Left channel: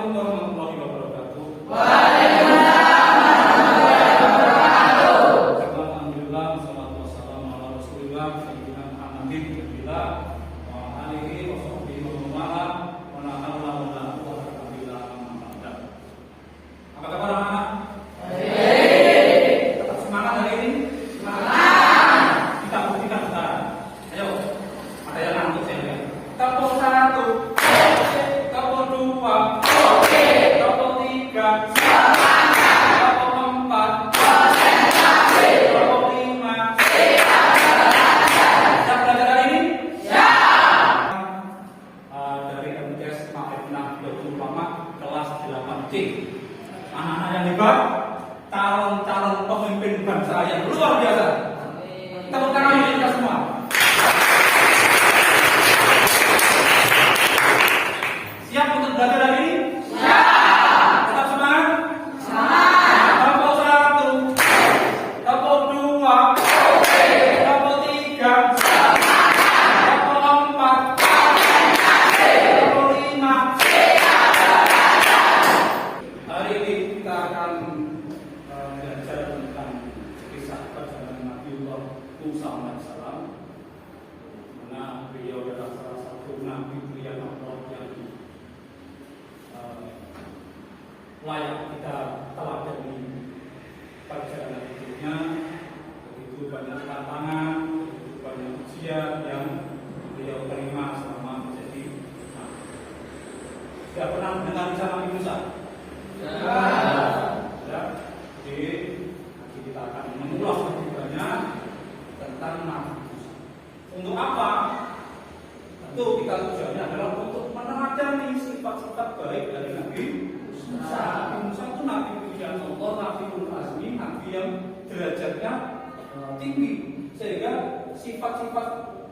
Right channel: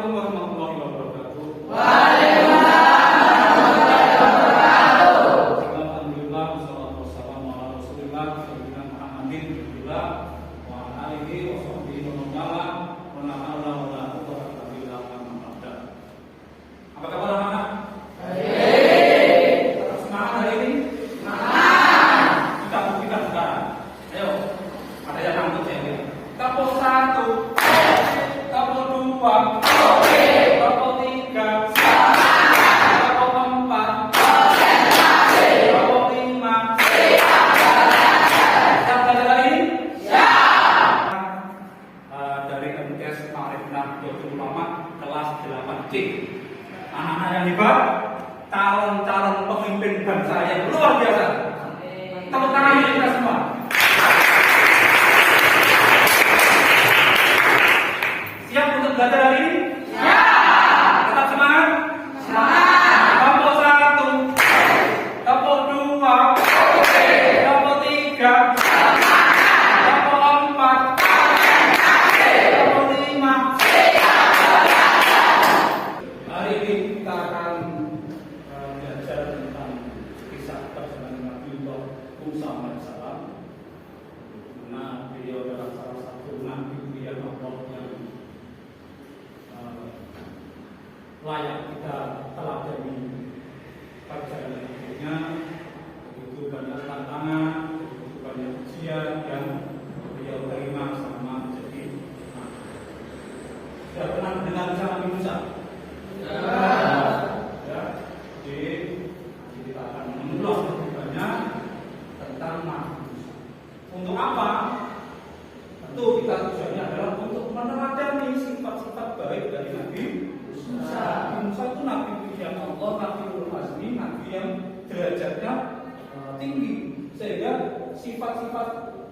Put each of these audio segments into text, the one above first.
Assalamualaikum warahmatullahi wabarakatuh. Alhamdulillah, wassalatu wassalamu ala Rasulillah sayyidina Muhammadin wa ala alihi wa sahbihi wa man wala wa la haula wa la quwwata illa billah. Apa kabar anak-anak? Baik. Tetap semangat hari ini? Semangat. Kita buktikan sekarang. Ayo. Ada yang nangkep ya? Tepuk 1. Tepuk 2. Tepuk 3. Tepuk 4. Tepuk 5. Kita belajar kali ini? Ya. Dari MTS Ma'rifnah yaitu umpama kelas 8C. Anak-anak yang hebat, calon-calon pemimpin bangsa yang luar biasa. Tepuk tangan untuk kita semua. Siap untuk belajar hari ini? Siap. Tetap semangat? Semangat. Tepuk 1. Tepuk 2. Tepuk 3. Tepuk 4. Tepuk 5. Hari ini kita akan belajar tentang kisah perjalanan Nabi Musa alaihissalam. Karena beliau adalah salah satu nabi pilihan Allah yang layak kita teladani perjalanan hidupnya. Begitu banyak tantangan, begitu banyak ujian yang beliau terima selama menjadi nabi. Sudah pernah mendengar kisah Nabi Musa? Ya. Jadi kita akan mengulas lebih banyak tentang Nabi Musa. Untuk apa? Tentu kita tujuannya adalah untuk meneladani sifat-sifat baik dari Nabi Musa. Nabi Musa itu nabi pilihan Allah, nabi ulul azmi, nabi yang derajatnya tinggi, sehingga sifat-sifat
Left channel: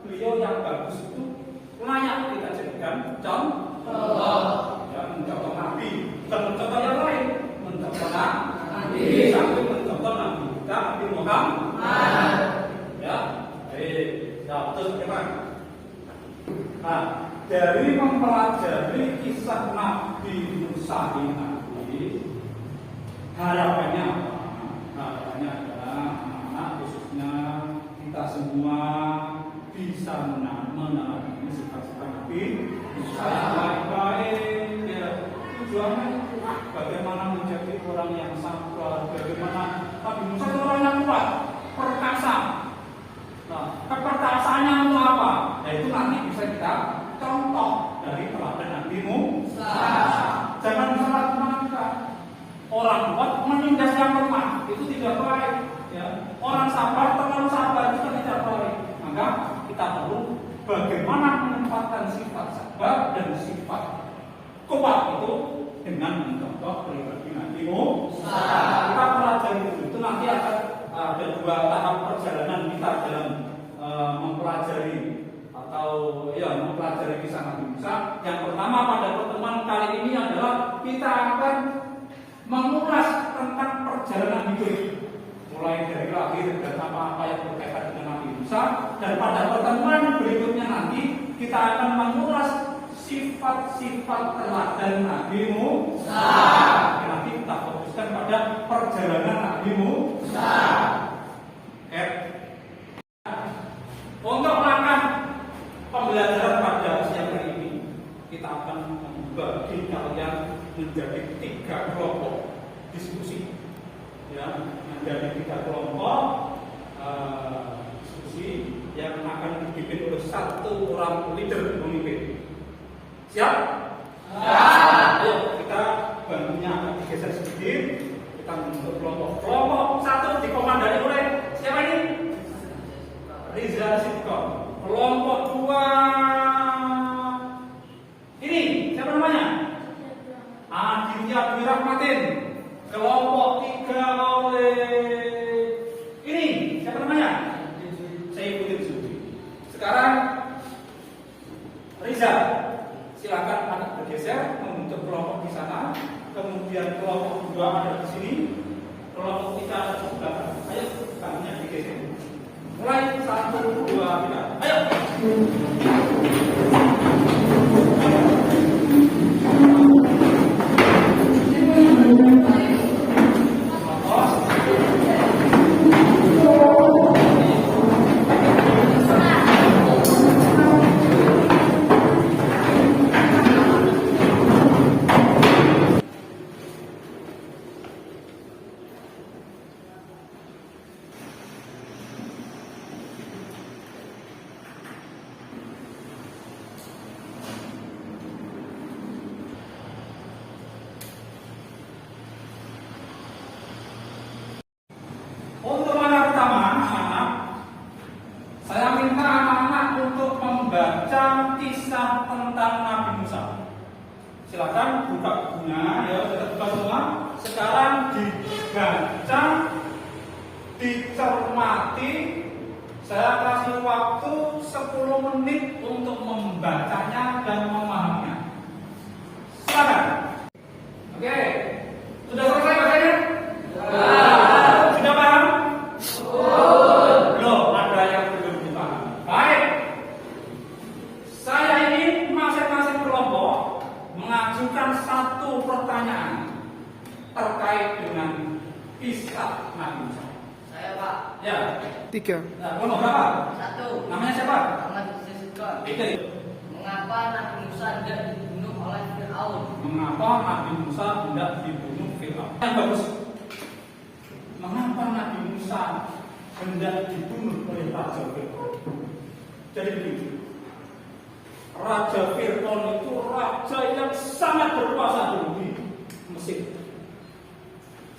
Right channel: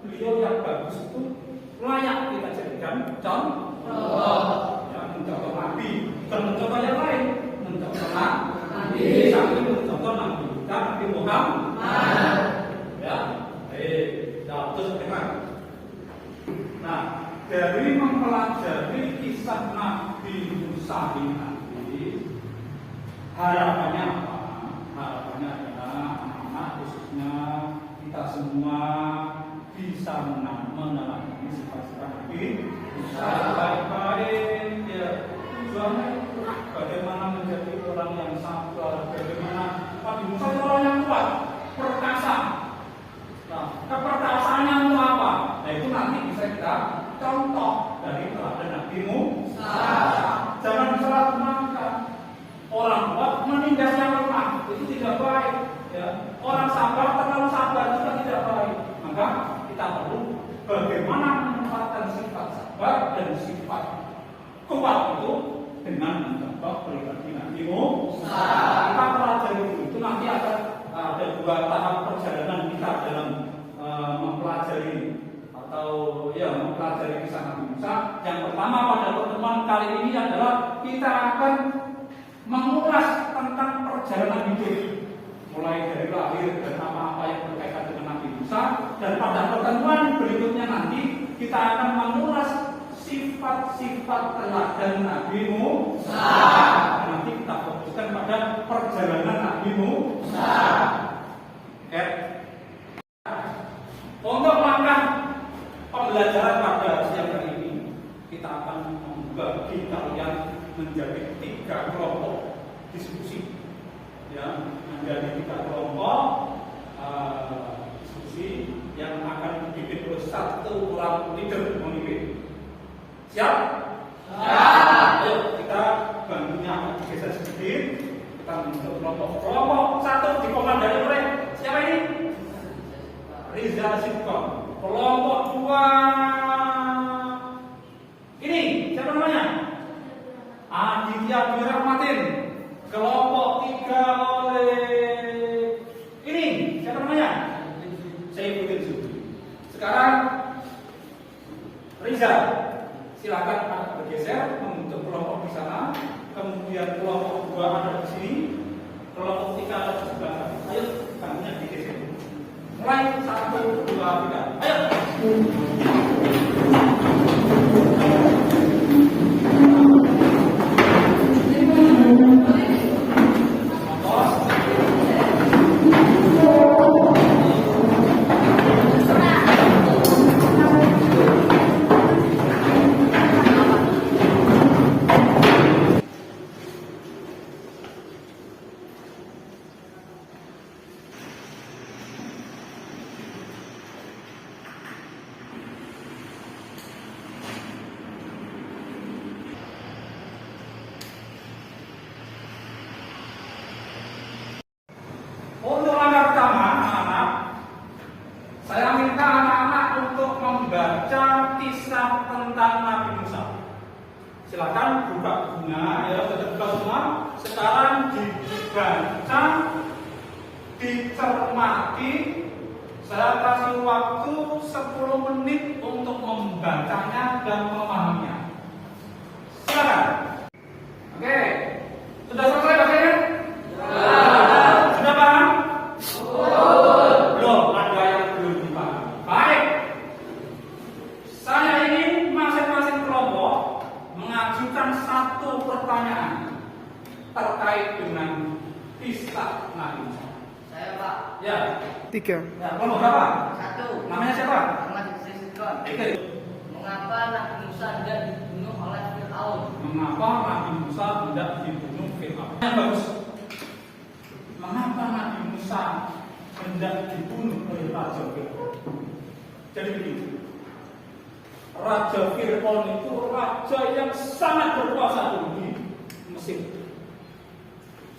beliau yang bagus itu layak kita jadikan contoh. Mencontoh Nabi, bukan mencontoh yang lain, mencontoh Nabi, tapi mencontoh Nabi kita, Nabi Muhammad. Ya, terus bagaimana? Nah, dari mempelajari kisah Nabi Musa ini, harapannya apa? Harapannya adalah anak-anak khususnya kita semua bisa mengenali sifat-sifat Nabi Musa baik-baik. Tujuannya bagaimana menjadi orang yang sabar, bagaimana Nabi Musa itu orang yang kuat, perkasa. Nah, keperkasaannya itu apa? Nah, itu nanti bisa kita contoh dari teladan Nabi Musa. Jangan salah menangkap. Orang kuat menindas yang lemah, itu tidak baik. Ya. Orang sabar terlalu sabar juga tidak baik. Maka kita perlu bagaimana menempatkan sifat sabar dan sifat kuat itu dengan mencontoh pribadi Nabi Musa. Kita pelajari itu nanti akan ada 2 tahap perjalanan kita dalam mempelajari atau mempelajari kisah Nabi Musa. Yang pertama pada pertemuan kali ini adalah kita akan mengulas tentang perjalanan hidup, mulai dari lahir dan apa yang berkaitan dengan Nabi Musa. Dan pada pertemuan berikutnya nanti kita akan mengulas sifat-sifat teladan Nabi Musa. Nanti kita fokuskan pada perjalanan Nabi Musa. Oke. Untuk langkah pembelajaran pada siang hari ini, kita akan membagi kalian menjadi 3 kelompok diskusi. Ya, menjadi 3 kelompok diskusi yang akan dipimpin oleh 1 orang leader pemimpin. Siap? Ya. Ayo kita bangkunya akan digeser sedikit. Kita membentuk kelompok. Kelompok 1 dikomandai oleh siapa ini? Riza Sidqon. Kelompok 2 ini siapa namanya? Aditya Birahmatin. Kelompok 3 oleh ini siapa namanya? Saifuddin Zuhri. Sekarang Riza, silakan Anda bergeser membentuk kelompok di sana. Kemudian kelompok 2 ada di sini, kelompok 3 ada di belakang. Ayo, tangannya digeser. Mulai 1, 2, 3. Ayo. tentang Nabi Musa. Silakan buka bukunya ya, buka semua. Sekarang dibaca, dicermati. Saya kasih waktu 10 menit untuk membacanya dan memahaminya. Silakan. Oke, sudah selesai bacanya? Sudah paham? Belum, ada yang belum paham. Baik. Saya ingin masing-masing kelompok mengajukan satu pertanyaan terkait dengan kisah Nabi Musa. Saya Pak. Ya. 3. Ya, kelompok berapa? 1. Namanya siapa? Ahmad Sisikon. 3. Mengapa Nabi Musa tidak dibunuh oleh Fir'aun? Mengapa Nabi Musa tidak dibunuh Fir'aun? Yang bagus. Mengapa Nabi Musa hendak dibunuh oleh Raja Fir'aun? Jadi begini, Raja Fir'aun itu raja yang sangat berkuasa di Mesir.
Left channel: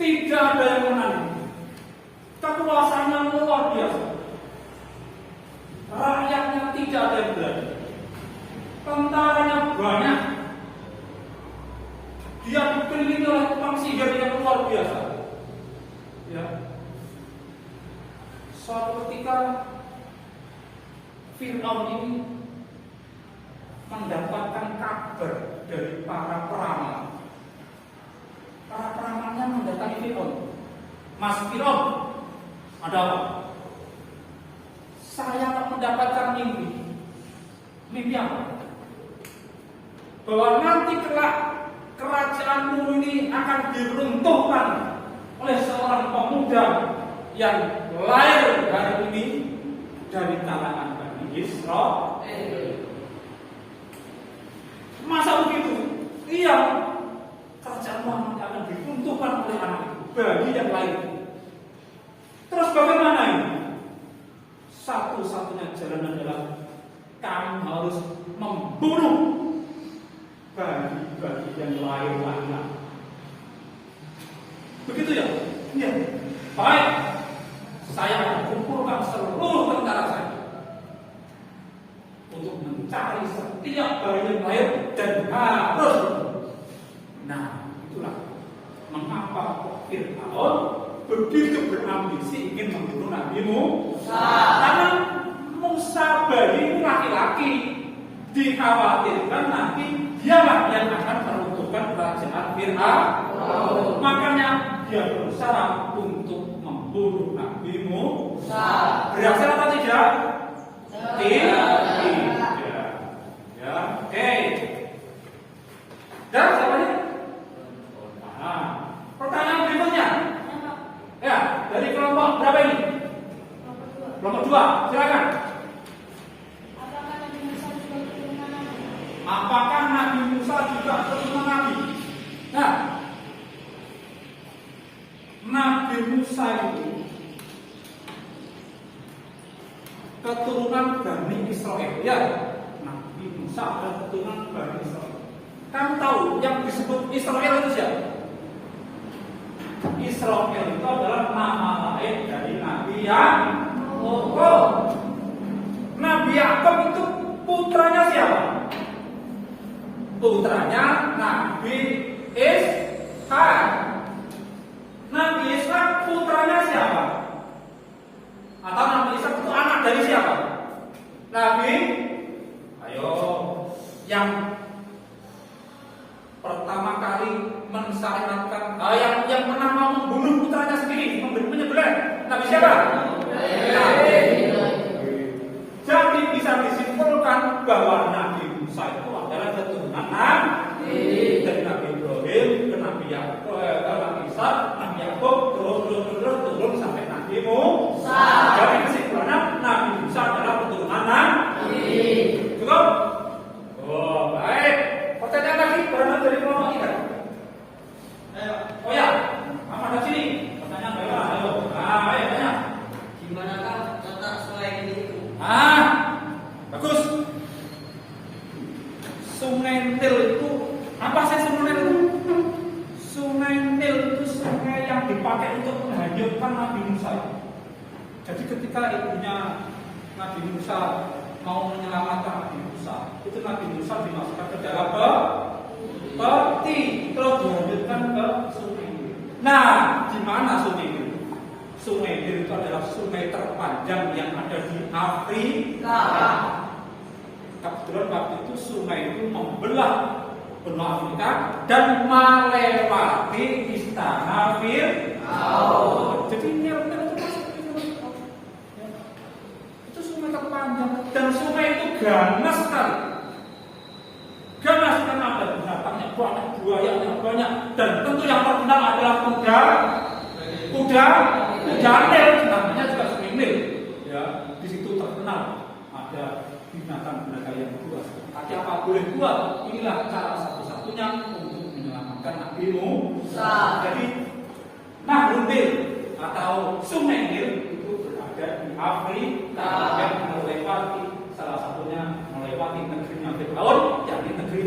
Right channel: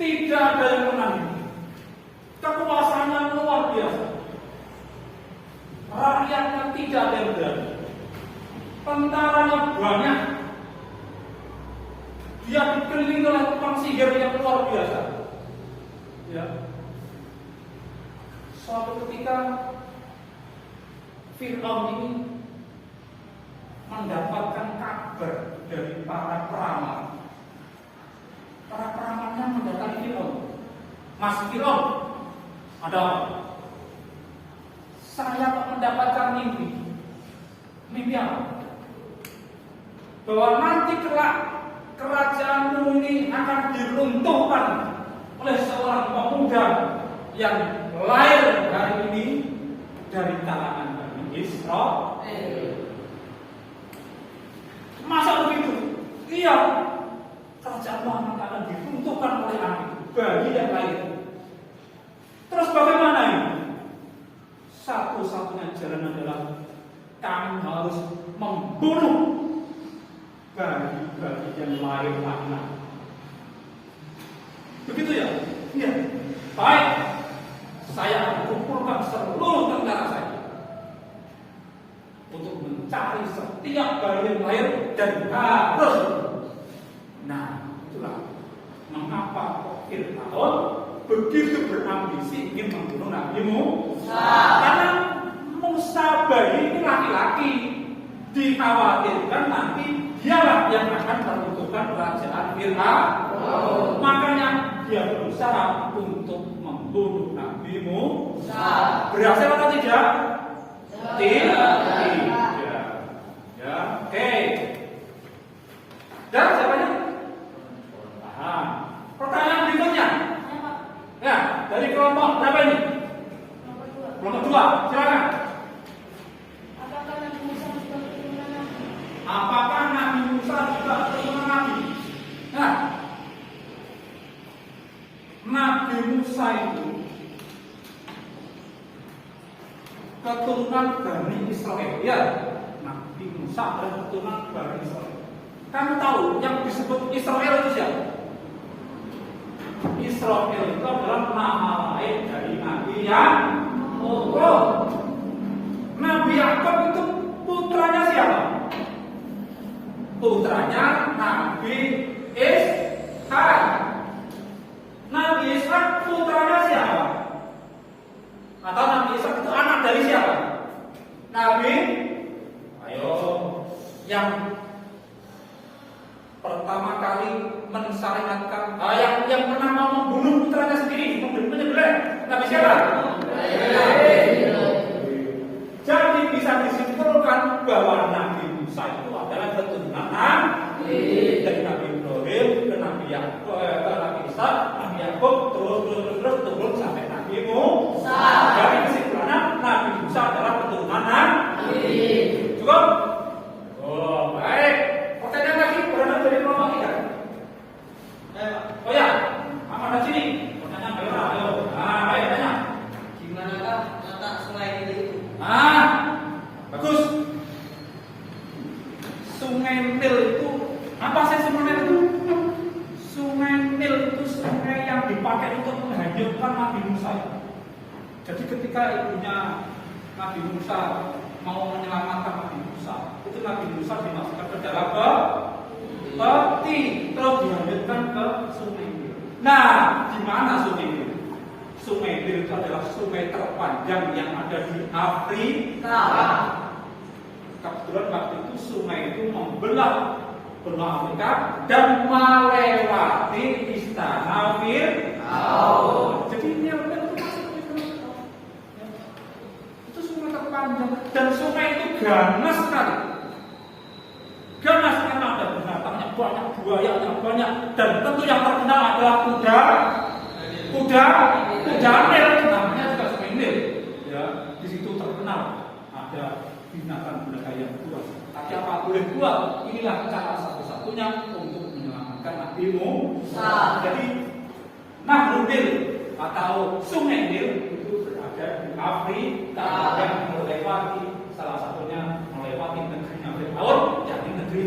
Tidak ada yang menandingi. Kekuasaannya luar biasa. Rakyatnya tidak ada yang berani. Tentaranya banyak. Dia dikelilingi oleh tukang sihir yang luar biasa. Ya. Suatu ketika Fir'aun ini mendapatkan kabar dari para peramal. Para peramalnya mendatangi Fir'aun. Mas Fir'aun, ada apa? Saya mendapatkan mimpi. Mimpi apa? Bahwa nanti kelak kerajaanmu ini akan diruntuhkan oleh seorang pemuda yang lahir hari ini dari kalangan Bani Israel. Masa begitu? Iya, kerajaan Muhammad akan diruntuhkan oleh anak bayi yang lahir. Terus bagaimana ini? Satu-satunya jalan adalah kamu harus membunuh bayi-bayi yang lahir laki-laki. Begitu ya? Iya. Baik. Saya akan kumpulkan seluruh tentara saya untuk mencari setiap bayi yang lahir dan harus. Nah, itulah mengapa Fir'aun begitu berambisi ingin membunuh Nabi Musa. Karena Musa bayi itu laki-laki, dikhawatirkan nanti dialah yang akan meruntuhkan kerajaan Fir'aun. Makanya dia berusaha untuk membunuh Nabi Musa. Berhasil atau tidak? Tidak. Ya, oke. Dan caranya? Pertanyaan berikutnya. Ya, dari kelompok berapa ini? Kelompok 2, silakan. Apakah Nabi Musa juga keturunan Nabi? Apakah Nabi Musa juga keturunan Nabi? Nah, Nabi Musa itu keturunan Bani Israel. Ya, Nabi Musa adalah keturunan Bani Israel. Kamu tahu yang disebut Israel itu siapa? Israel itu adalah nama lain dari Nabi Yakub. Nabi Yakub itu putranya siapa? Putranya Nabi Ishak. Nabi Ishak putranya siapa? Atau Nabi Ishak itu anak dari siapa? Nabi, ayo, yang pertama kali mensyariatkan yang pernah mau membunuh putranya sendiri, menyembelih Nabi siapa? Jadi bisa disimpulkan bahwa Nabi Musa itu adalah keturunan Nabi dari Nabi Ibrahim ke Nabi Yakub, ke Nabi Ishak, Nabi Yakub turun sampai Nabi Musa. Jadi kesimpulannya Nabi Musa adalah keturunan Nabi. Cukup? Oh, baik. Pertanyaan lagi berasal dari kelompok 3. Oh ya, apa sini? Pertanyaan bawah, ayo. Ayo tanya. Dimanakah letak sungai Nil itu? Bagus. Sungai Nil itu apa sih Sungai Nil itu? Sungai Nil itu sungai yang dipakai untuk menghanyutkan Nabi Musa. Jadi ketika ibunya Nabi Musa mau menyelamatkan Nabi Musa. Itu Nabi Musa dimasukkan ke dalam peti, terus diambilkan ke sungai Nil. Nah, di mana sungai Nil? Sungai Nil itu adalah sungai terpanjang yang ada di Afrika. Kebetulan waktu itu sungai itu membelah benua Afrika dan melewati istana Fir'aun. Jadi Nil itu masuk ke Fir'aun. Itu sungai terpanjang dan sungai itu ganas sekali. Ganas karena ada binatangnya banyak, buayanya banyak, dan tentu yang terkenal adalah kuda Nil, namanya juga sungai Nil. Ya, di situ terkenal ada binatang-binatang yang buas. Tapi apa boleh buat? Inilah cara satu-satunya untuk menyelamatkan Nabi Musa. Jadi Nahrul Nil atau Sungai Nil itu berada di Afrika yang melewati salah satunya melewati negerinya Fir'aun, jadi negeri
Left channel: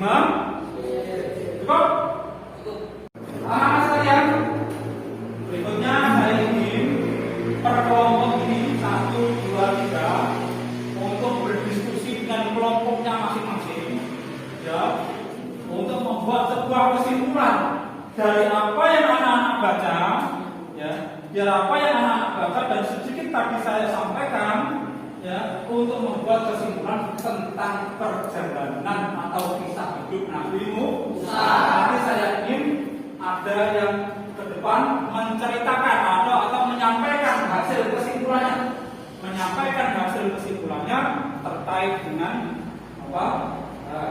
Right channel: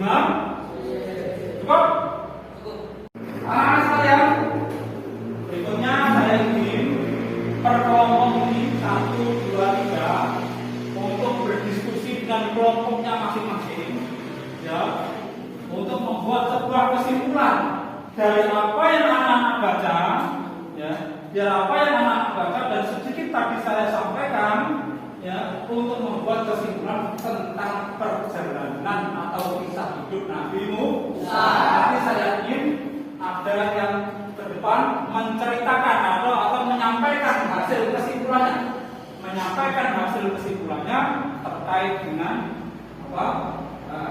Cukup? Sayang. Berikutnya saya ingin per kelompok ini 1, 2, 3 untuk berdiskusi dengan kelompoknya masing-masing, ya, untuk membuat sebuah kesimpulan dari apa yang anak-anak baca, ya, biar apa yang anak-anak baca dan sedikit tadi saya sampaikan, ya, untuk membuat kesimpulan tentang perjalanan atau kisah hidup Nabi Musa. Nanti saya ingin ada yang ke depan menceritakan atau menyampaikan hasil kesimpulannya, terkait dengan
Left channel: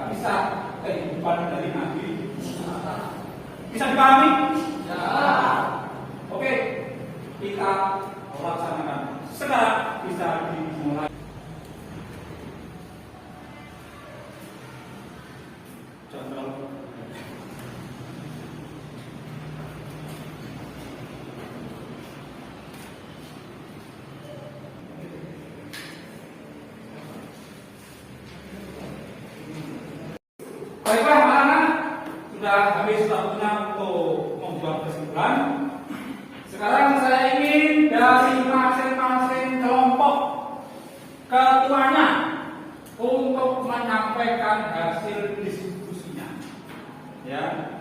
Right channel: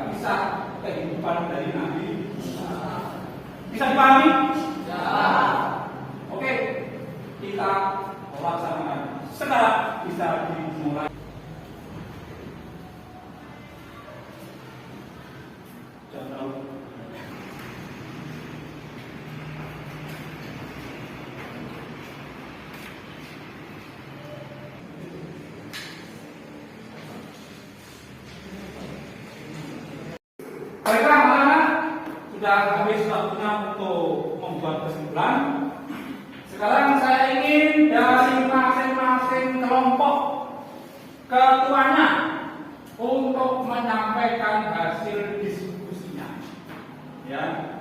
kisah kehidupan dari Nabi Musa. Bisa dipahami? Oke, kita laksanakan. Sekarang bisa dimulai. Baiklah, anak-anak, sudah habis waktunya untuk membuat kesimpulan. Sekarang saya ingin dari masing-masing kelompok ketuanya untuk menyampaikan hasil diskusinya. Ya,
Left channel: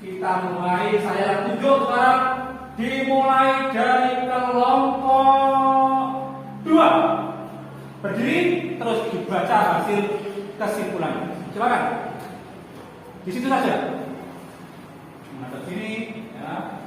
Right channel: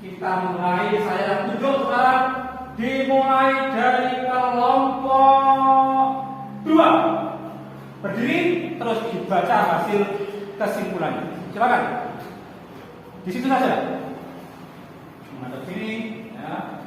kita mulai. Saya tunjuk sekarang dimulai dari kelompok 2. Berdiri terus dibaca hasil kesimpulannya. Silakan. Di situ saja. Menghadap sini, ya.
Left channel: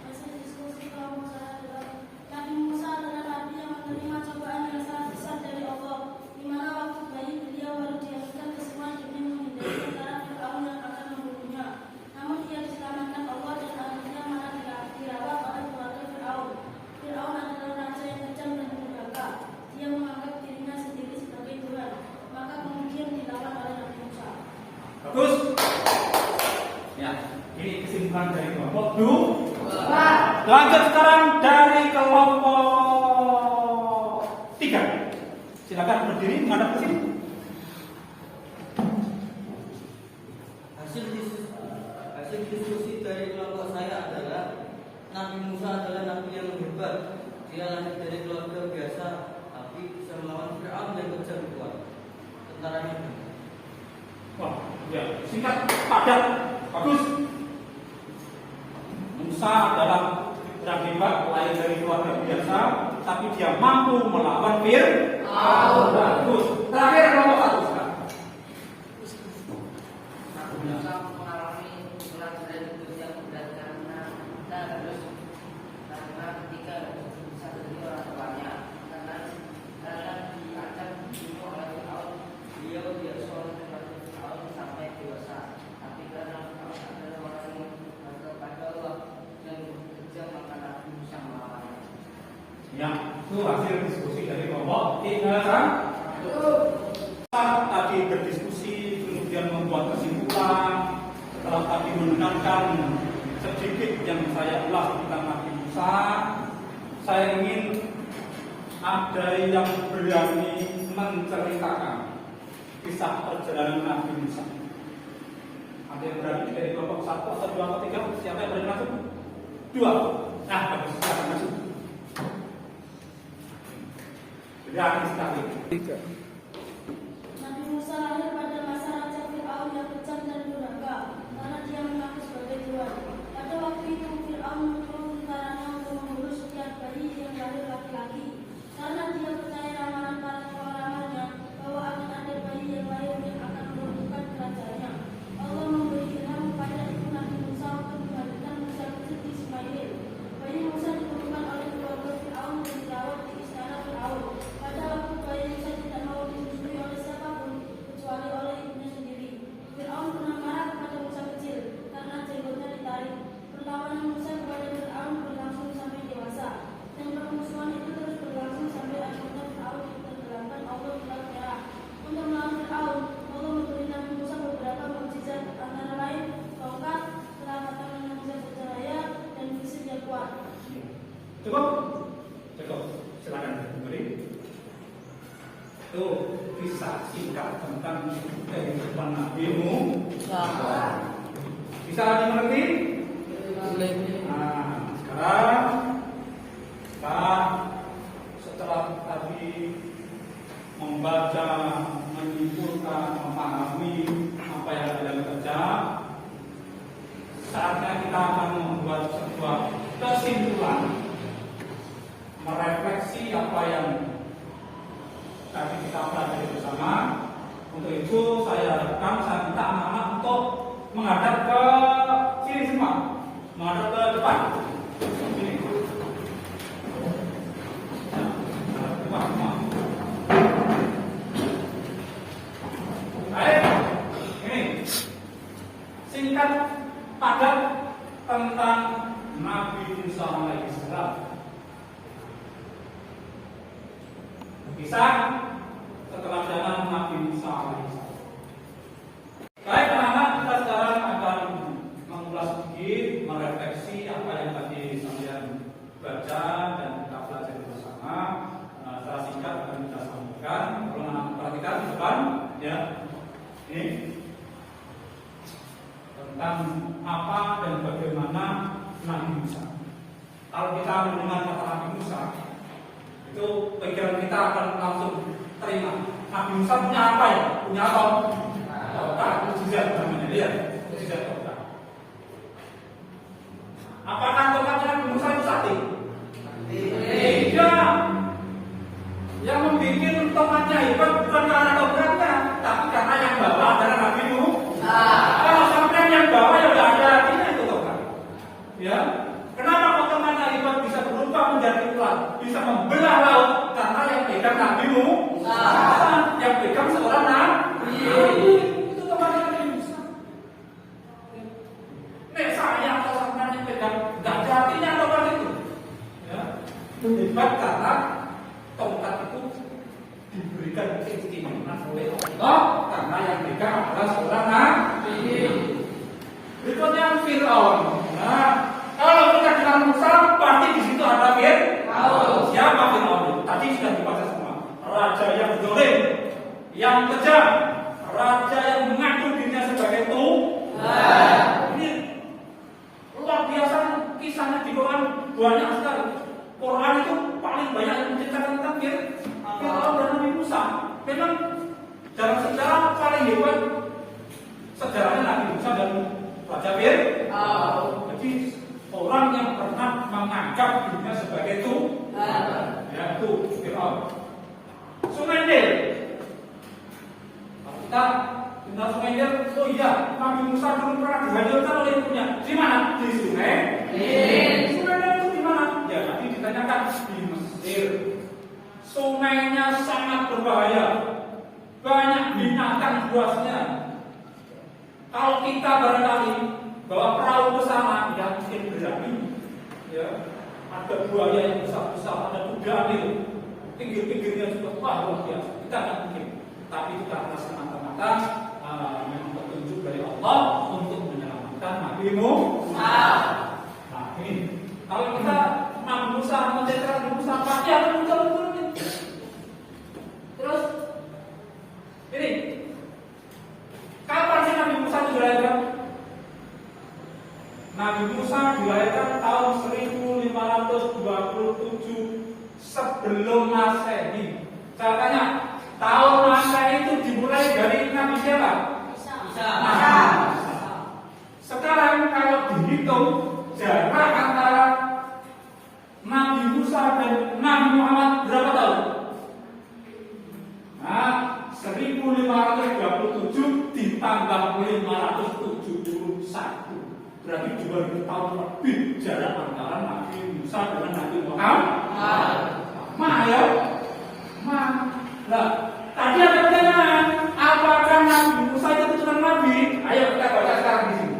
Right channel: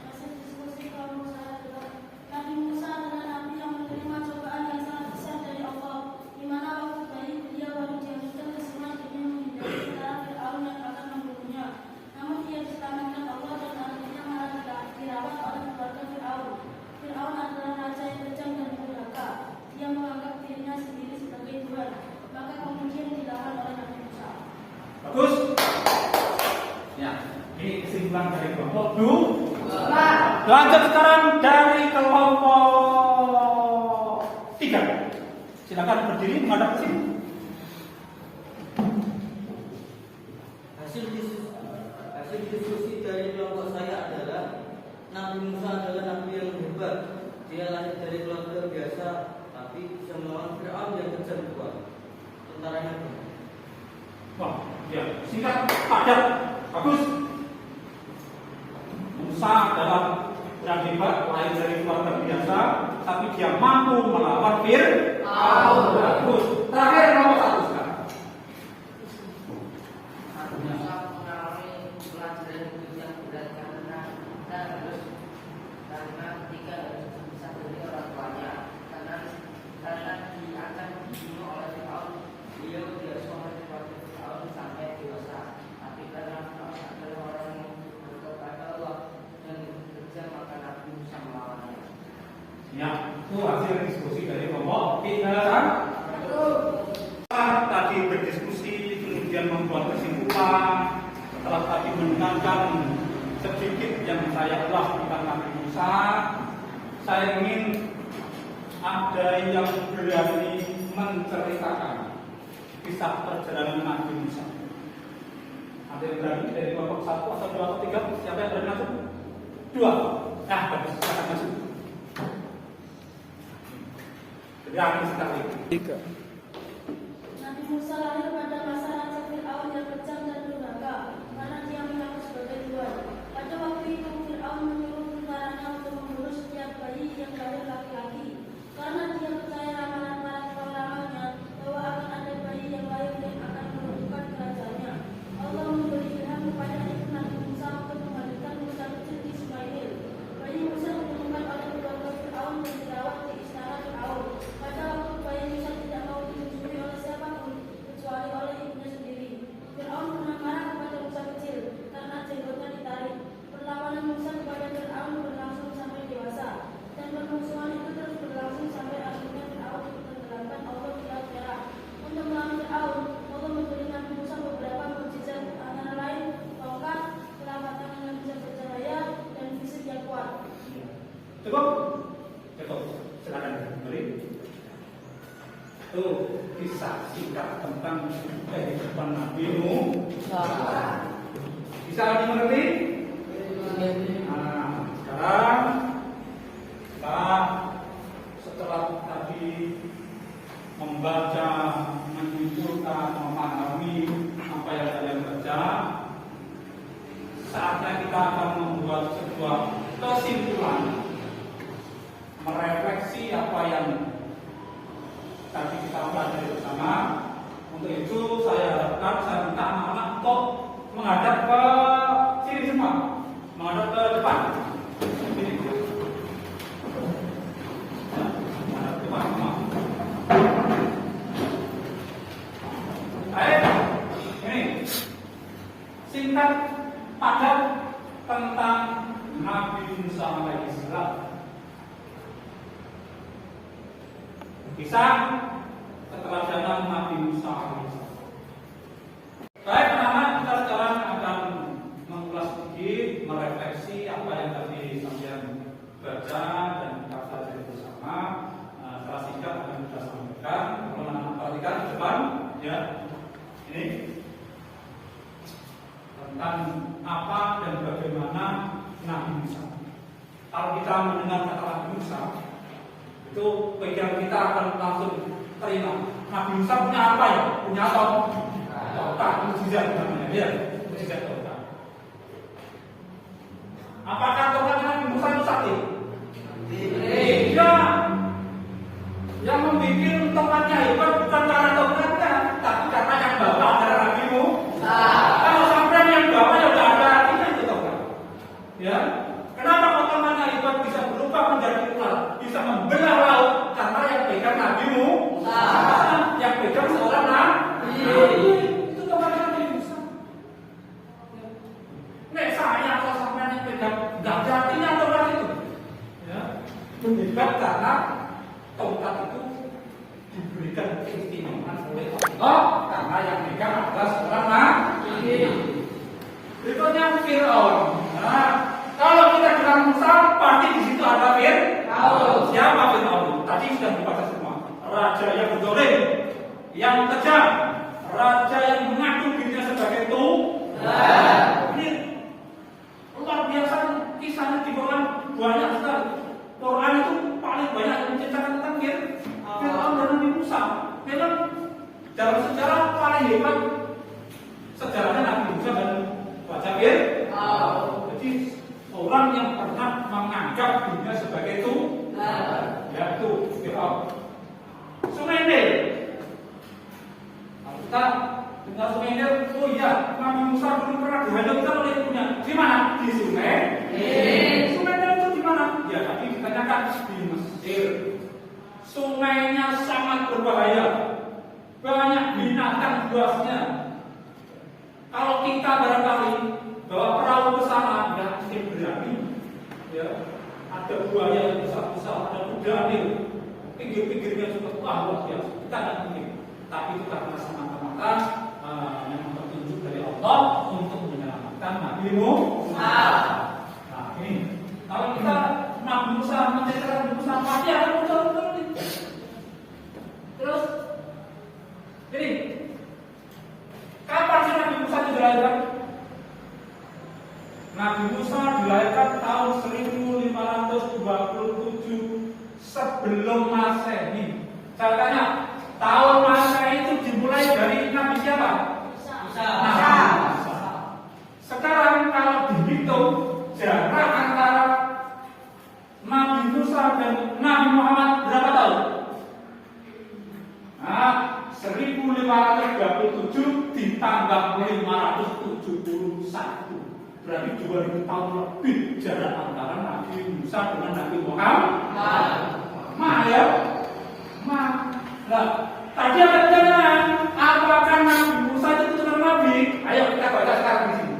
Hasil diskusi kelompok adalah Nabi Musa adalah nabi yang menerima cobaan yang sangat besar dari Allah, di mana waktu bayi beliau baru diambilkan ke sungai demi menghindari tentara Fir'aun yang akan membunuhnya. Namun dia diselamatkan Allah dan akhirnya malah dirawat oleh keluarga Fir'aun. Fir'aun adalah raja yang kejam dan durhaka. Dia menganggap dirinya sendiri sebagai Tuhan, maka kemudian dilawan oleh Nabi Musa. Bagus. Ya, ini kesimpulan dari kelompok 2. Lanjut sekarang dari kelompok 3. Silakan berdiri menghadap ke sini. Hasil diskusi dari kelompok saya adalah Nabi Musa adalah nabi yang hebat. Dia lahir dari keluarga biasa, tapi bisa melawan Fir'aun yang kejam kuat. Tentaranya banyak. Wah, ya, singkat, padat, bagus. Musa adalah yang hebat, lahir dari keluarga biasa, tapi dia mampu melawan Fir'aun. Bagus. Terakhir nomor 1 sekarang. Nabi Musa mengalami pelajaran hidup yang berat karena ketika bisa dari orang tuanya karena diangkat dibunuh oleh Fir'aun. Beliau diasuh oleh keluarga Fir'aun sampai dewasa, tapi karena Fir'aun adalah orang yang kepada Allah dan kejam, maka Nabi Musa melawannya. Ya, itu hasil diskusi dari kelompok 3. Tadi berdiskusi, kemudian membuat kesimpulan. Setelah tadi mendengarkan sedikit yang saya ulas tentang Nabi Musa, saya ingin ada yang berani menceritakan kisah perjalanan Nabi Musa. Ada yang berani dari kelompok 1 atau 2 atau 3? Siapa yang berani masuk? 2. Nah, bagus. Silakan masuk. Berani sekali. Nabi Musa lahir pada masa Raja Fir'aun yang kejam dan durhaka karena dia mengaku sebagai Tuhan. Pada waktu itu Fir'aun menyuruh tentaranya untuk membunuh setiap bayi yang lahir laki-laki karena dia percaya ramalan para pengalamannya bahwa akan ada bayi yang lahir dan akan meruntuhkan kerajaannya. Allah memberi ilham kepada ibu Nabi Musa untuk melahirkan Musa kecil di Ismail. Bayi Musa ditemukan oleh keluarga Fir'aun dan dirawat di istana Fir'aun. Pada waktu bayi Musa tidak mau disusui oleh siapapun kecuali oleh ibunya sendiri. Fir'aun pernah marah kepada Musa kecil karena jenggotnya ditarik. Perlawanan Musa kepada Fir'aun berlangsung sampai dewasa, dan permusuhan itu terus berlangsung sampai akhirnya Fir'aun itu tenggelamkan Allah di Laut Merah. Untuk melawan Fir'aun, Allah memberi Nabi Musa beberapa mukjizat, antara lain tongkat, telapak tangan yang bisa bercahaya, dan fisik yang kuat. Cukup? Cukup. Silakan kembali. Itu kisah singkat tentang kehidupan Nabi Musa. Bisa dimengerti? Nah, sekarang setelah tadi membaca, menyimpulkan, memahami apa yang kalian baca, saatnya kita akan membuat sebuah kesimpulan, merefleksi apa yang tadi kita pelajari bersama. Untuk itu saya harapkan, saya minta anak-anak untuk menghadap ke sini semua, menghadap ke depan. Ini. Ya, menghadap ke depan semua. Baik, ini singkat padat tentang Nabi Musa alaihissalam. Kisah keteladanan Nabi Musa alaihissalam. Baik, anak-anak, kita sekarang akan mengulas sedikit, merefleksi apa yang tadi kalian baca dan kita pelajari bersama. Secara singkat akan kita sampaikan. Kalau anak-anak perhatikan di depan, ya, ini tentang apa dan bagaimana Nabi Musa. Kalau kita mendengar kata Nabi Musa, itu pikiran kita akan langsung terima. Nabi Musa punya apa ya? Punya apa? Taurat, mukjizat namanya, ya, mukjizat Taurat. Apakah Taurat Nabi Musa itu sakti? Tidak. Yang membuat Tauratnya hebat bukan karena Tauratnya, tapi karena yang bawa adalah Nabi Musa. Kalau sampai yang bawa ya sudah ada artinya itu Taurat. Ya. Kenapa Tauratnya hebat bisa berubah menjadi ular, bisa membelah laut? Karena yang pegang Nabi Musa, yang pegang seorang Nabi. Itu Tauratnya Nabi Musa. Nek saya kalau sampai yang pegang, tidak ada artinya Taurat itu. Ya. Hebat karena Taurat itu diberikan keistimewaan oleh Allah karena yang pegang adalah seorang Nabi. Berikutnya Fir'aun. Nah, kalau kita bilang Musa, pasti di situ ada Fir'aun. Siapa Fir'aun? Tadi sudah dibaca semua. Raja yang zalim, yang kejam, raja yang mengaku dirinya sebagai Tuhan. Ini luar biasa kisahnya di Quran, banyak sekali. Quran itu paling banyak yang menceritakan tentang Fir'aun dan Nabi Musa. Memang dalam sejarah paling hebat sejarahnya Nabi Musa dan Raja Fir'aun. Jadi orang yang pernah menganggap dirinya sebagai Tuhan, yaitu Fir'aun. Sungai Nil. Kita Sungai Nil. Oh iya, Nabi Musa belum pernah dihancurkan oleh ibunya. Di mana? Di Sungai Nil. Sungai Nil itu di mana? Ya, tapi ditanyakan di Mesir. Sungainya sangat berbahaya, banyak binatang buasnya. Kalau kita barangkali bawa perahu ke sana, ya mungkin berani. Ya, ada buaya yang besar-besar, ada kuda Nil, pinggir-pinggirnya juga luar biasa. Kita tidak mungkin, tapi itu karena semata-mata memang petunjuk dari Allah untuk menyelamatkan Nabi Musa. Nah, ini kalau kita Nabi Musa menceritakan Nabi Musa, pasti akan betul-betul. Terus, ini kapan sih Nabi Musa dilahirkan? Nabi Musa dilahirkan tahun 1527 sebelum Masehi. Saya tanya, tahun masa itu dimulai dari Nabi siapa? Nah, sekarang kalau dihitung jarak antara Nabi Musa dan Nabi Muhammad berapa tahun? Nah, 1537 ditambah 571, berarti 2000 tahun lebih jarak antara Nabi Musa dengan Nabi Muhammad. Ya, Nah, tadi ada pertanyaan, apakah Nabi Musa itu benar Nabi? Ayo kita baca sekarang di sini.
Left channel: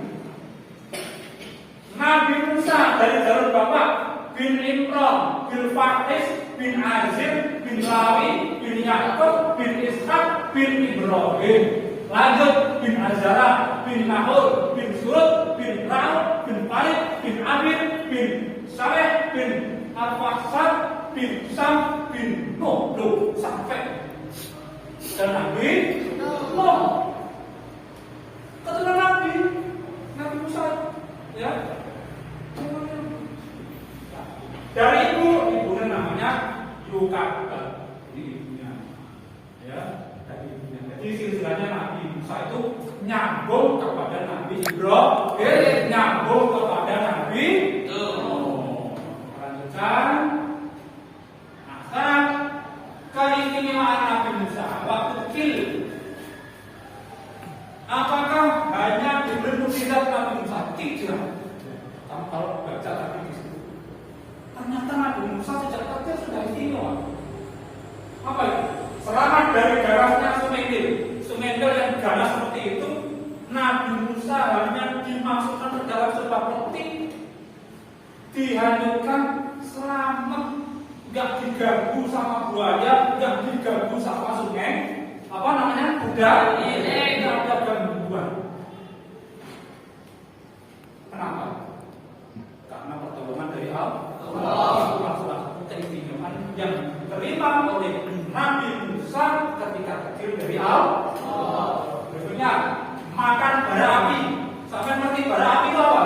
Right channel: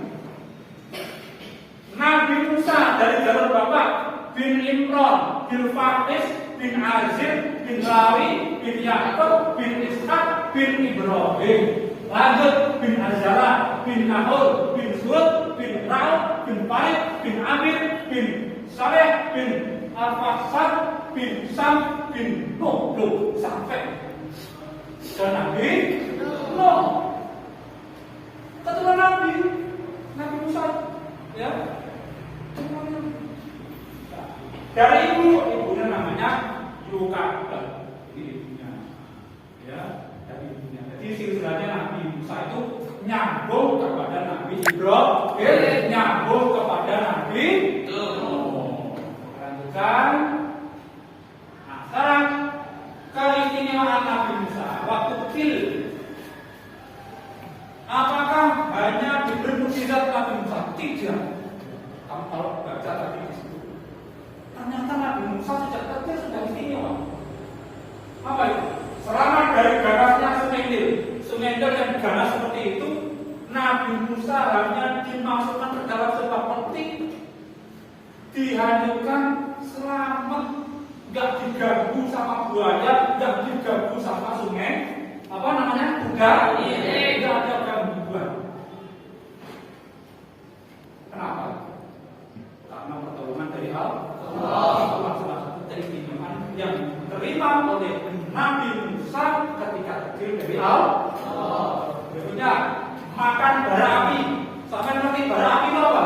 Nabi Musa dari jalur bapak bin Imran bin Faiz bin Azib bin Lawi bin Yakub bin Ishak bin Ibrahim, lanjut bin Azara bin Nahur bin Surut bin Ra'u bin Faid bin Amir bin Saleh bin Al-Faksar bin Sam bin Nuh sampai dan Nabi Nuh. Keturunan Nabi Musa, ya. Dari ibunya namanya Yukata, ibunya, ya, dari ibunya. Jadi silsilahnya Nabi Musa itu nyambung kepada Nabi Ibrahim, nyambung kepada Nabi Nuh. Lanjutkan. Nah, sekarang keistimewaan Nabi Musa waktu kecil. Apakah hanya diberi mukjizat Nabi Musa? Tidak. Kamu kalau baca tadi di situ, ternyata Nabi Musa sejak kecil sudah istimewa. Apa itu? Serangan dari ganasnya Sumender yang ganas seperti itu, Nabi Musa hanya dimasukkan ke dalam sebuah peti, dihanyutkan selamat, nggak diganggu sama buaya, nggak diganggu sama sungai. Apa namanya? Udah, nggak ada gangguan. Kenapa? Karena pertolongan dari Allah. Salah satu keistimewaan yang diterima oleh Nabi Musa ketika kecil dari Allah. Berikutnya, makan bara api. Sampai nanti bara api itu apa?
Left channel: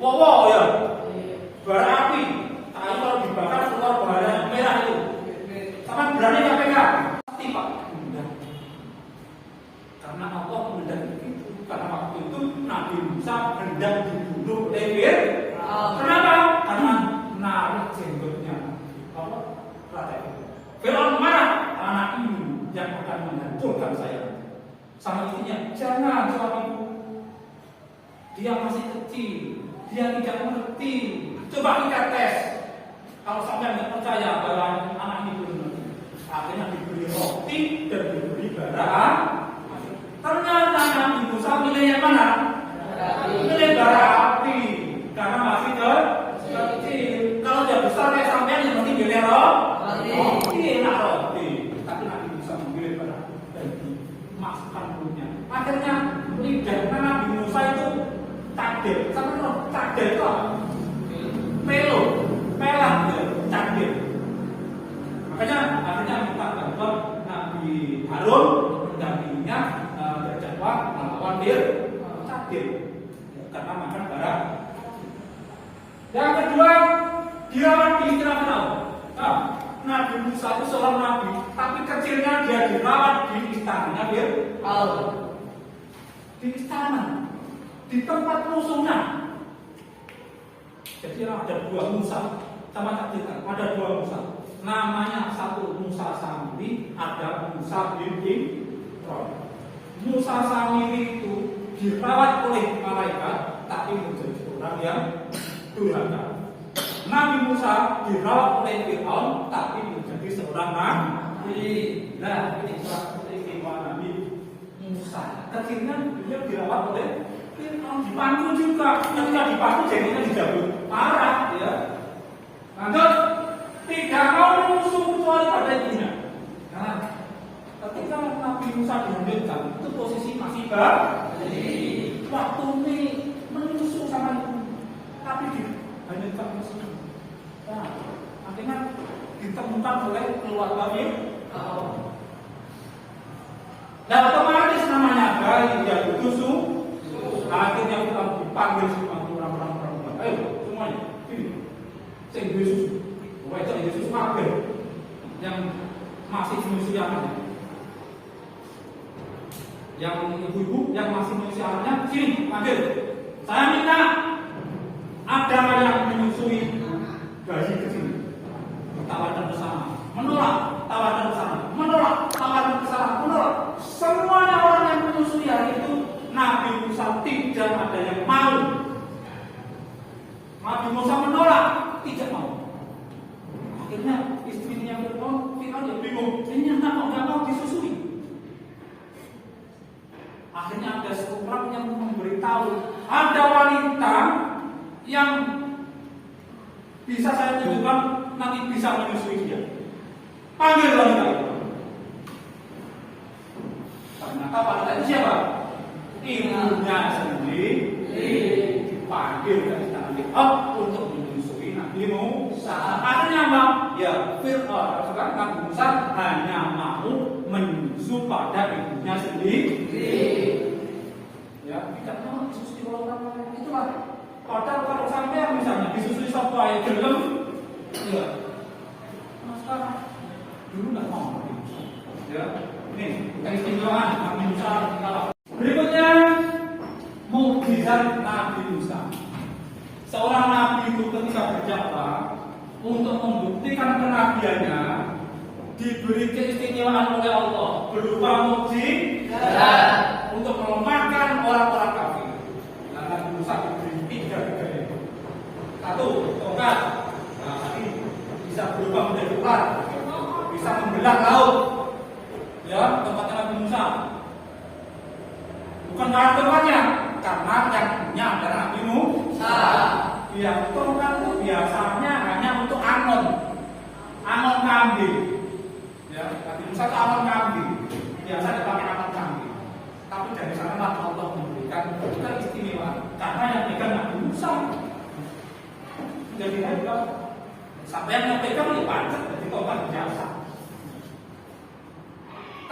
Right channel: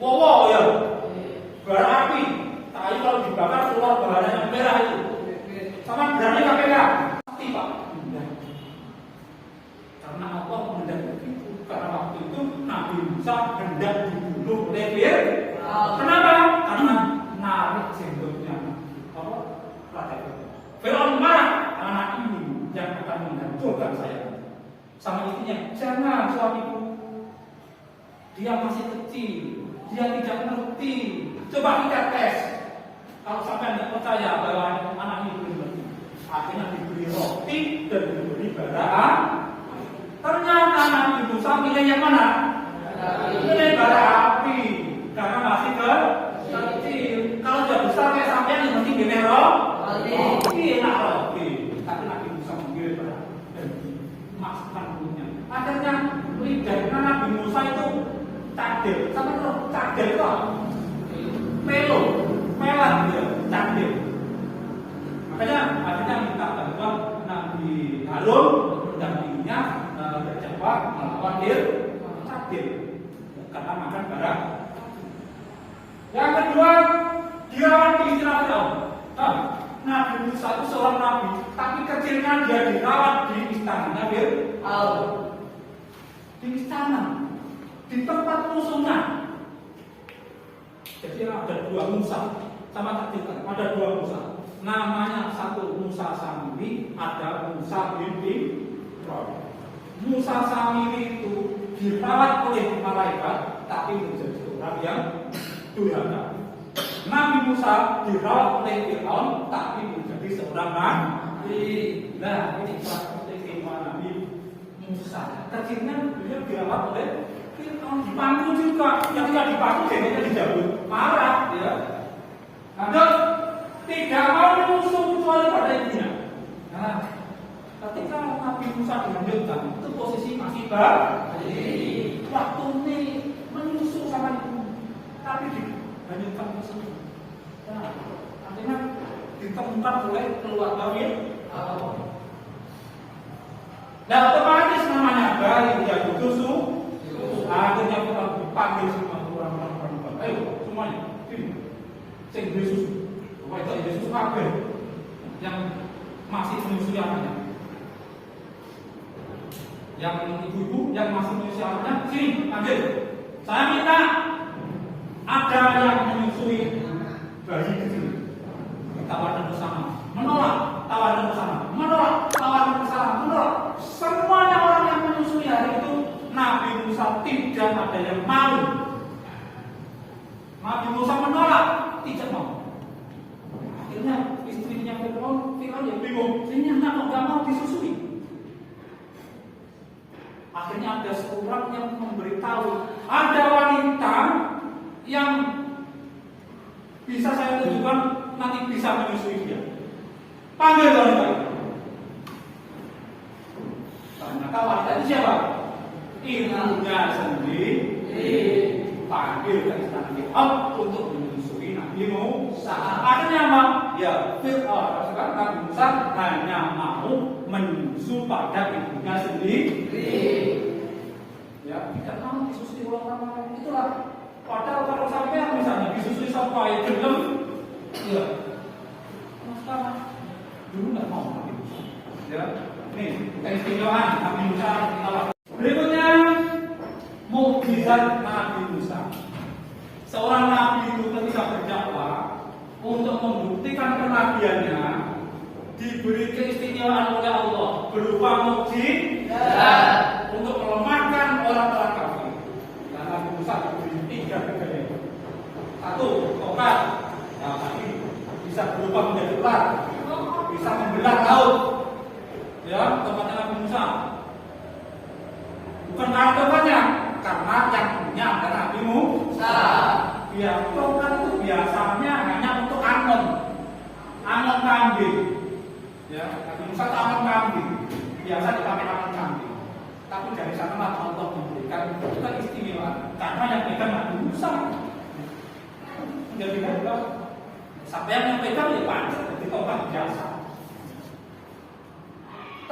Wow ya, bara api. Tapi kalau dibakar keluar bara yang merah itu. Sama berani nggak pegang? Tidak. Karena Allah menghendaki itu. Karena waktu itu Nabi Musa hendak dibunuh oleh Fir'aun. Kenapa? Karena narik jenggotnya. Apa? Raja itu. Fir'aun marah. Anak ini yang akan menghancurkan saya. Sama istrinya, jangan suamiku. Dia masih kecil. Dia tidak mengerti. Coba kita tes. Kalau sampai tidak percaya bahwa anak ini belum mengerti, akhirnya diberi roti dan diberi bara. Ternyata Nabi Musa milih yang mana? Milih bara api, karena masih kecil. Kalau sudah besar kayak sampean yang nanti milih roti, enak roti. Tapi Nabi Musa memilih bara dan dimasukkan mulutnya. Akhirnya lidah Nabi Musa itu takdir. Sampai kalau takdir itu pelat gitu, takdir. Makanya akhirnya minta bantuan Nabi Harun mendampinginya berjawab melawan takdir karena makan bara. Yang kedua, dirawat di istana Firaun. Nabi Musa itu seorang nabi, tapi kecilnya dia dirawat di istananya Firaun. Di istana, di tempat musuhnya. Jadi ada dua Musa, sama ketiga, ada dua Musa. Namanya satu Musa Samiri, ada Musa bin Imran. Musa Samiri itu dirawat oleh malaikat, tapi menjadi orang yang durhaka. Nabi Musa dirawat oleh Fir'aun, tapi menjadi seorang nabi. Nah, ini salah satu keistimewaan Nabi Musa. Kecilnya beliau dirawat oleh Fir'aun, dipangku juga. Ketika dipangku jenggotnya dijabut, marah, ya. Lanjut, tidak mau musuh-musuhan pada ibunya. Nah, ketika Nabi Musa dilanjutkan, itu posisi masih berdiri. Waktu ini menyusul sama ibu, tapi dilanjutkan musuh. Nah, akhirnya ditemukan oleh keluarga Fir'aun. Dan otomatis namanya bayi yang susu. Akhirnya kita dipanggil semua orang-orang perempuan. Ayo semuanya, ini sing susu. wedok itu susu kabeh yang masih menyusui anaknya. Yang ibu-ibu yang masih menyusui anaknya, sini panggil. Saya minta ada yang menyusui bayi kecil. Tawaran bersama, menolak tawaran bersama, menolak tawaran bersama, menolak. Semuanya orang yang menyusui hari itu Nabi Musa tidak ada yang mau. Nabi Musa menolak, tidak mau. Akhirnya istrinya Fir'aun ya bingung, ini anak kok nggak mau disusui. Akhirnya ada seorang yang memberitahu, ada wanita yang bisa saya tunjukkan nanti bisa menyusui dia. Panggil wanita. Ternyata wanita itu siapa? Ibunya sendiri. Panggil dari tanah untuk menyusui Nabi Musa. Akhirnya apa? Ya Fir'aun sekarang Nabi Musa hanya mau menyusu pada ibunya sendiri. Ya tidak mau disusui orang-orang. Itulah. Padahal kalau sampai misalnya disusui satu air gelem, ya, sekarang dulu nggak mau Nabi Musa. Ya, ini keistimewaan Nabi Musa. Berikutnya mukjizat Nabi Musa. Seorang nabi itu ketika berdakwah untuk membuktikan kenabiannya diberi keistimewaan oleh Allah berupa mukjizat untuk melemahkan orang-orang kafir. Nah, Nabi Musa diberi 3 hidayah. 1. Tongkat. Nah, ini bisa berubah menjadi ular, bisa membelah laut. Ya, tongkatnya Nabi Musa. Bukan karena tongkatnya, karena yang punya adalah Nabi Musa. Ya, tongkat itu biasanya hanya untuk anon kambing. Ya, Nabi Musa itu anon kambing. Biasa dipakai anon kambing. Tapi dari sana Allah memberikan keistimewaan karena yang pegang Nabi Musa. Jadi hebat. Sampai yang pegang lebih panjang dari tongkat biasa.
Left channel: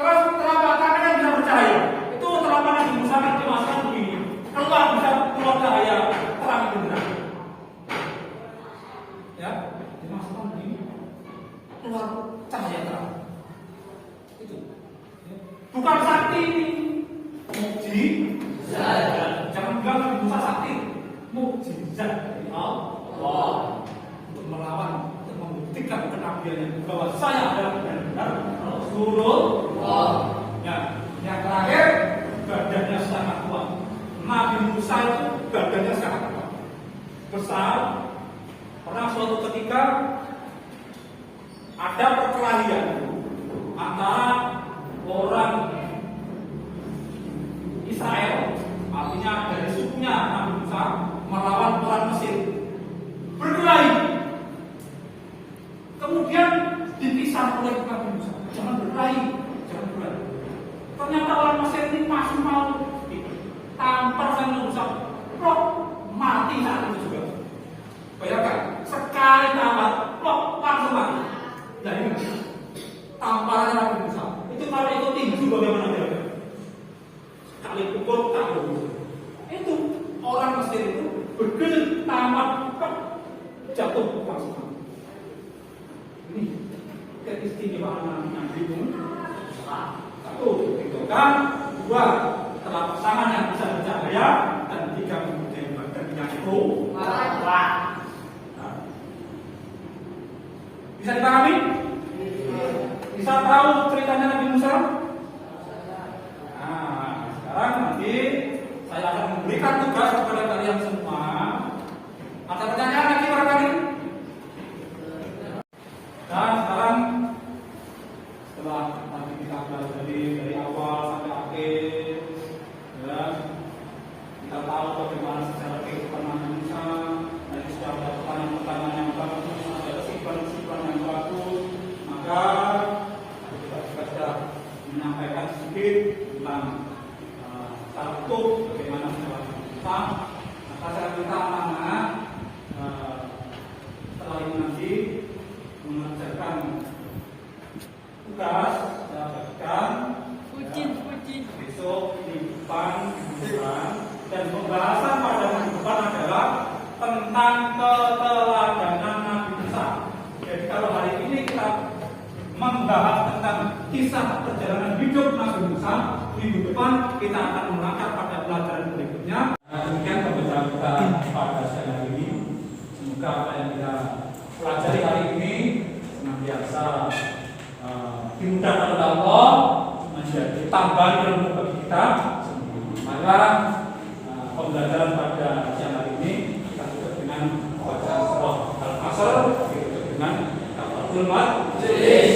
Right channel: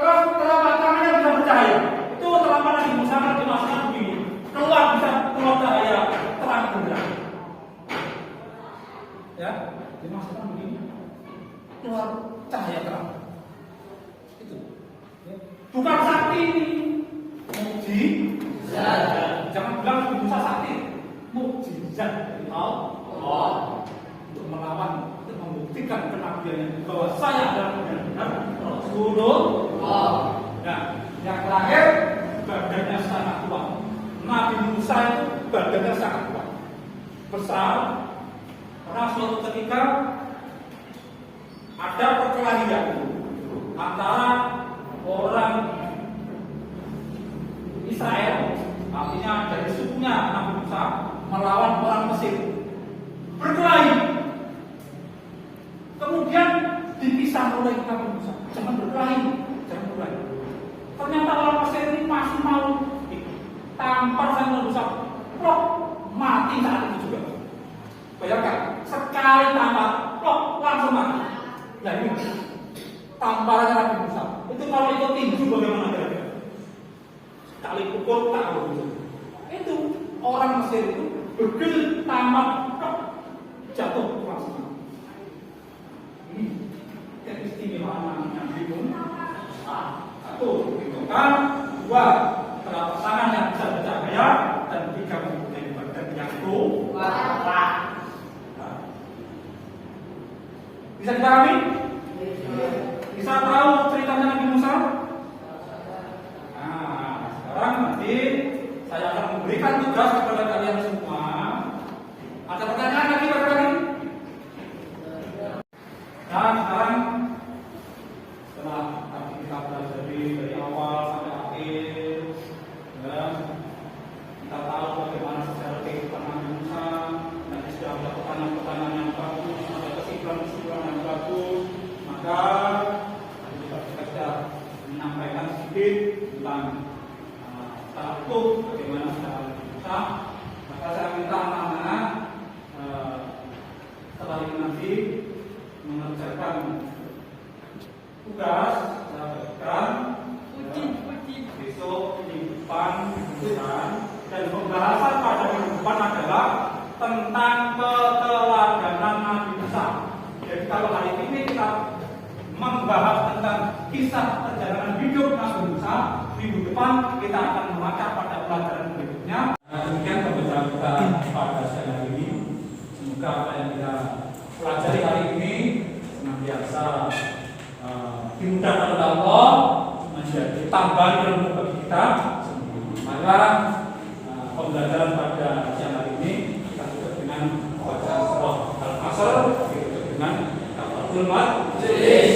Terus telapak tangannya bisa percaya. Itu telapak Nabi Musa kan dimasukkan begini. Keluar bisa keluar cahaya terang benderang. Ya, dimasukkan begini. Keluar cahaya terang. Itu. Ya. Bukan sakti ini. Mukjizat. Jangan bilang Nabi Musa sakti. Mukjizat dari Allah untuk melawan, untuk membuktikan kenabiannya bahwa saya adalah benar-benar Rasulullah. Nah, yang terakhir badannya sangat kuat. Nabi Musa itu badannya sangat kuat, besar. Karena suatu ketika ada perkelahian antara orang Israel, artinya dari sukunya Nabi Musa melawan orang Mesir, berkelahi. Kemudian dipisah oleh Nabi Musa, jangan berkelahi, jangan berkelahi. Ternyata orang Mesir ini masih mau tampar Nabi Musa, plok, mati saat itu juga. Bayangkan, sekali tampar, plok, langsung mati. Ya ini tamparannya Nabi Musa. Itu kalau itu tinju bagaimana kira-kira? Sekali pukul tak ada. Itu orang Mesir itu begitu tamat jatuh langsung. Ini keistimewaan Nabi Musa. 1. Itu kan. 2. Telapak tangan yang bisa bercahaya. Dan 3. Mempunyai badan yang kuat. Bisa dipahami? Bisa tahu ceritanya Nabi Musa? Nah, sekarang nanti saya akan memberikan tugas kepada kalian semua. Ada pertanyaan lagi barangkali? Dan sekarang setelah tadi kita pelajari dari awal sampai akhir, dan kita tahu bagaimana secara kehidupan Nabi Musa, dan sudah ada pertanyaan-pertanyaan yang bagus, ada kesimpulan-kesimpulan yang bagus, maka kita bisa menyampaikan sedikit tentang takut bagaimana secara kita. Maka saya minta anak-anak setelah ini nanti mengerjakan tugas membahas tentang kisah perjalanan hidup Nabi Musa. Minggu depan kita akan melangkah pada pelajaran berikutnya. Demikian pembelajaran kita pada siang hari ini. Semoga apa yang kita pelajari hari ini senantiasa dimudahkan oleh Allah, menjadi tambahan ilmu bagi kita. Maka pembelajaran pada siang hari ini kita tutup dengan bacaan surah Al-Asr, ditutup dengan kafaratul majlis.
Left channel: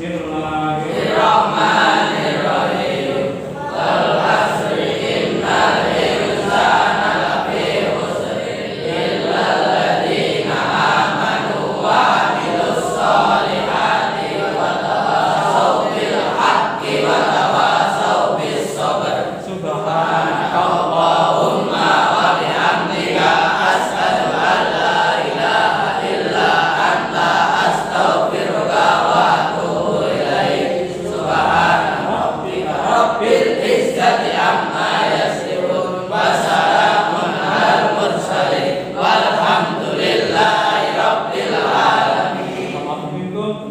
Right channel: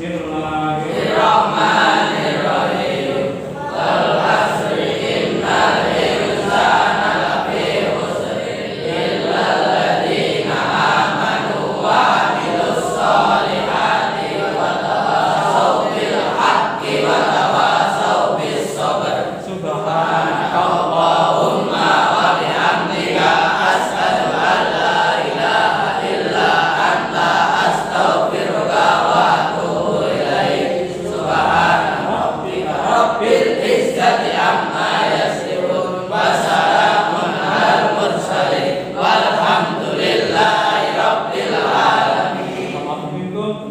Bismillahirrahmanirrahim. Wal asri innal insana lafi khusr illa alladziina aamanu wa 'amilus shalihati wa tawassaw bil haqqi wa tawassaw bis sabr. Subhanakallahumma wa bihamdika asyhadu an la ilaha illa anta astaghfiruka wa atubu ilaik. Subhana rabbika rabbil izzati amma yasifun wa salamun alal mursalin walhamdulillahi rabbil alamin.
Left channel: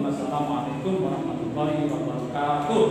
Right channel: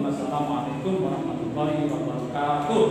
Assalamualaikum warahmatullahi wabarakatuh.